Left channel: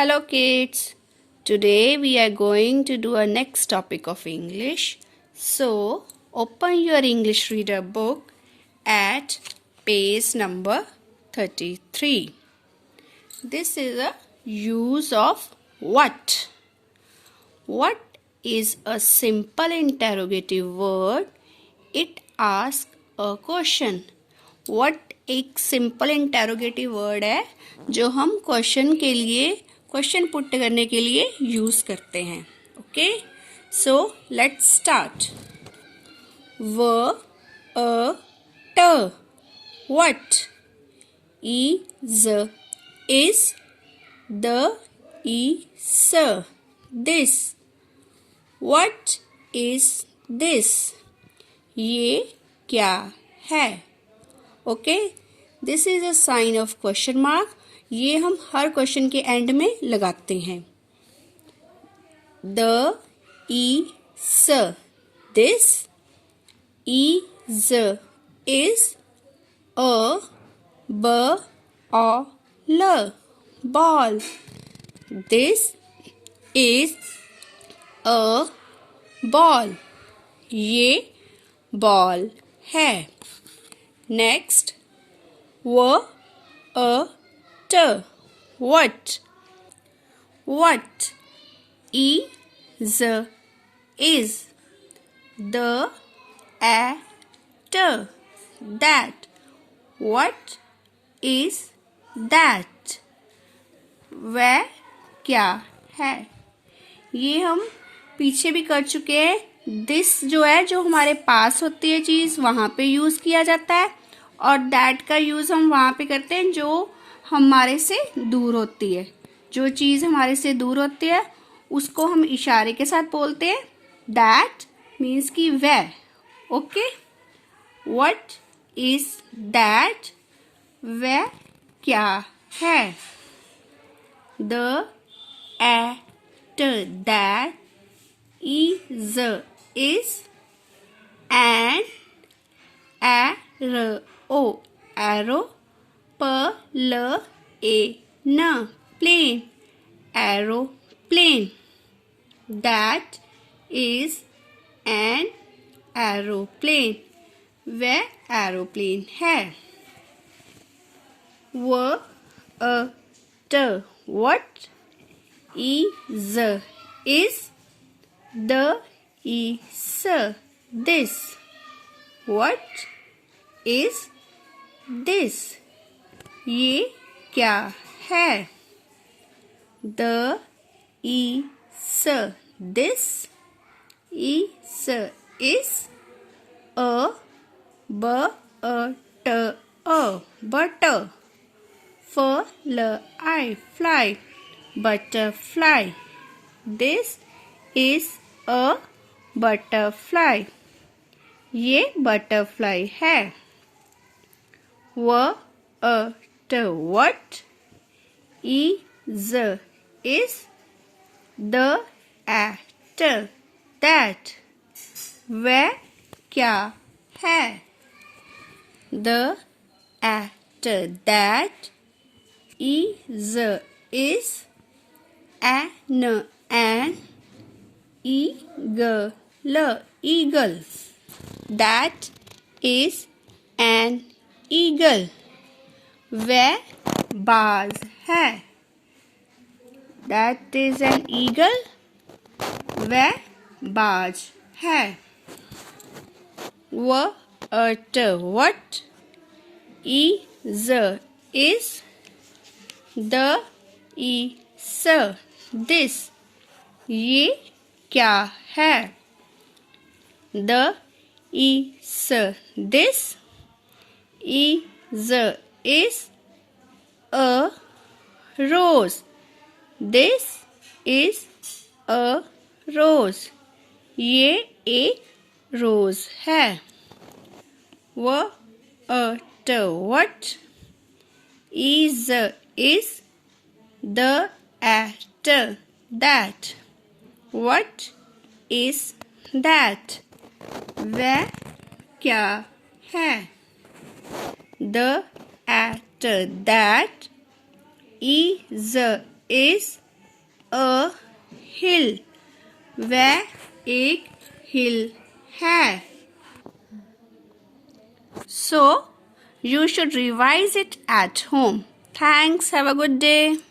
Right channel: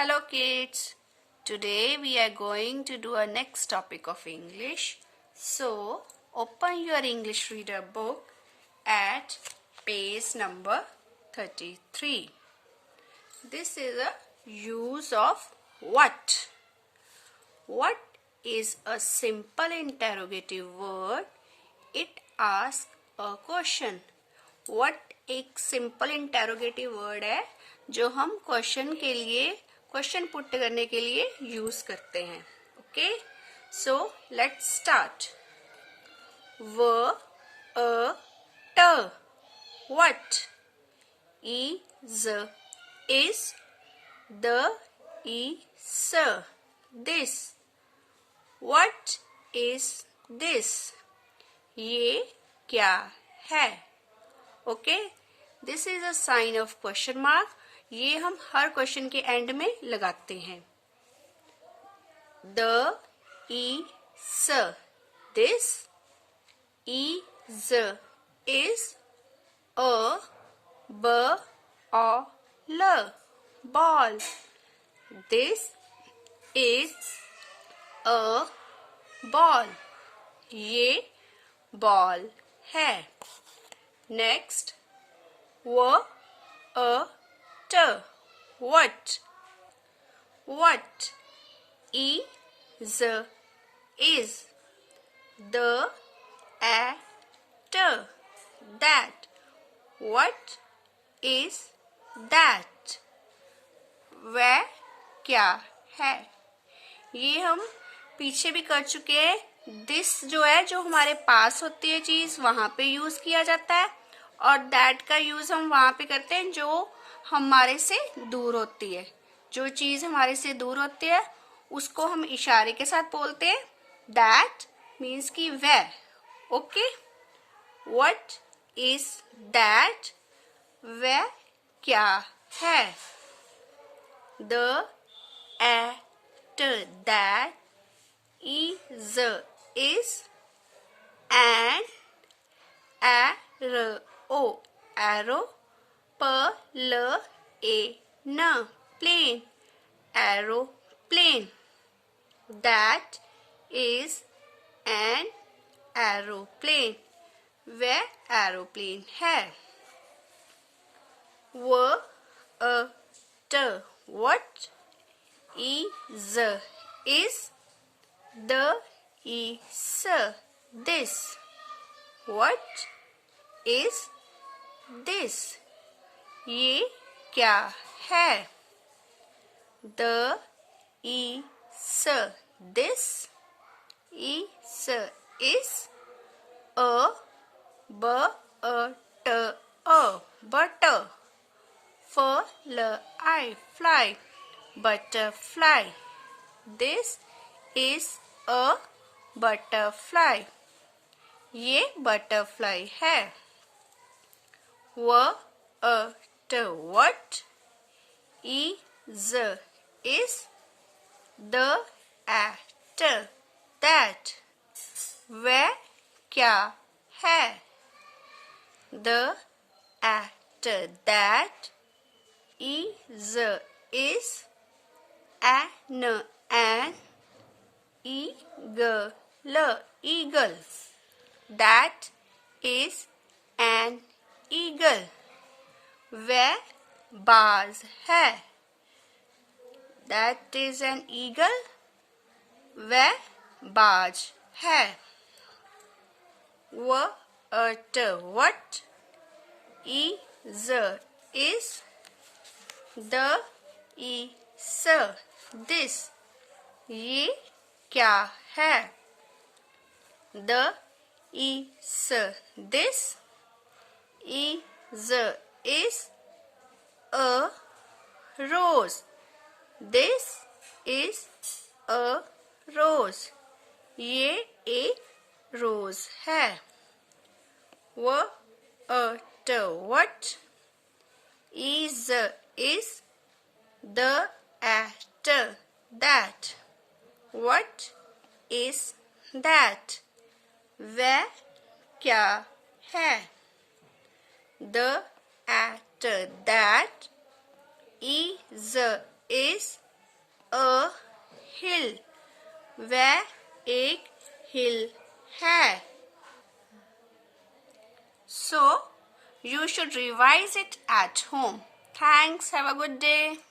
Hello kids. Today we are going to do a next topic of English. So, open your English reader book at page number 33. This is a use of what. What is a simple interrogative word? It asks a question. What एक simple interrogative word है जो हम question put करने के लिए use करते हैं. Okay, so let's start. व अ ट what. Is the is this. What is this. ये क्या है. Okay, this is a sign of question mark. ये हम हर क्वेश्चन के एंड में लगाते हैं. द ई स दिस. इज इज अ ब अ ल ball. This is a ball. ये बॉल है. नेक्स्ट, व अ ट what. What is the at that. What is that. वह क्या है. ये हम पीछे भी कर चुके हैं. दिस जो है, जो हमारे पास होती है चीज, वहां पे यूज किया जाता है. और दैट का यूज हम वहां पे करते हैं जो हमारे से दूर होती है. जो चीज हमारे से दूर होती है उसको हम इशारे के साथ बोलते हैं. दैट मीन्स कि वह. Okay, what is that. वह क्या है. The at that is an arrow plane aeroplane. That is an aeroplane. वह एरोप्लेन है. व अ ट what is the is this. What is this. ये क्या है. The is this. is a butter. fly butterfly. This is a butterfly. ये butterfly है. व अ ट what is the at that. वह क्या है. The at that is an eagle. That is an eagle. वह बाज है. That is an eagle. वह बाज है. व अ ट what is the is this. ये क्या है. The is this is a rose. This is a rose. ये एक रोज है. व अ ट what is the at that. What is that. वह क्या है. The at that is a hill. वह एक hill है. So, you should revise it at home. Thanks. Have a good day.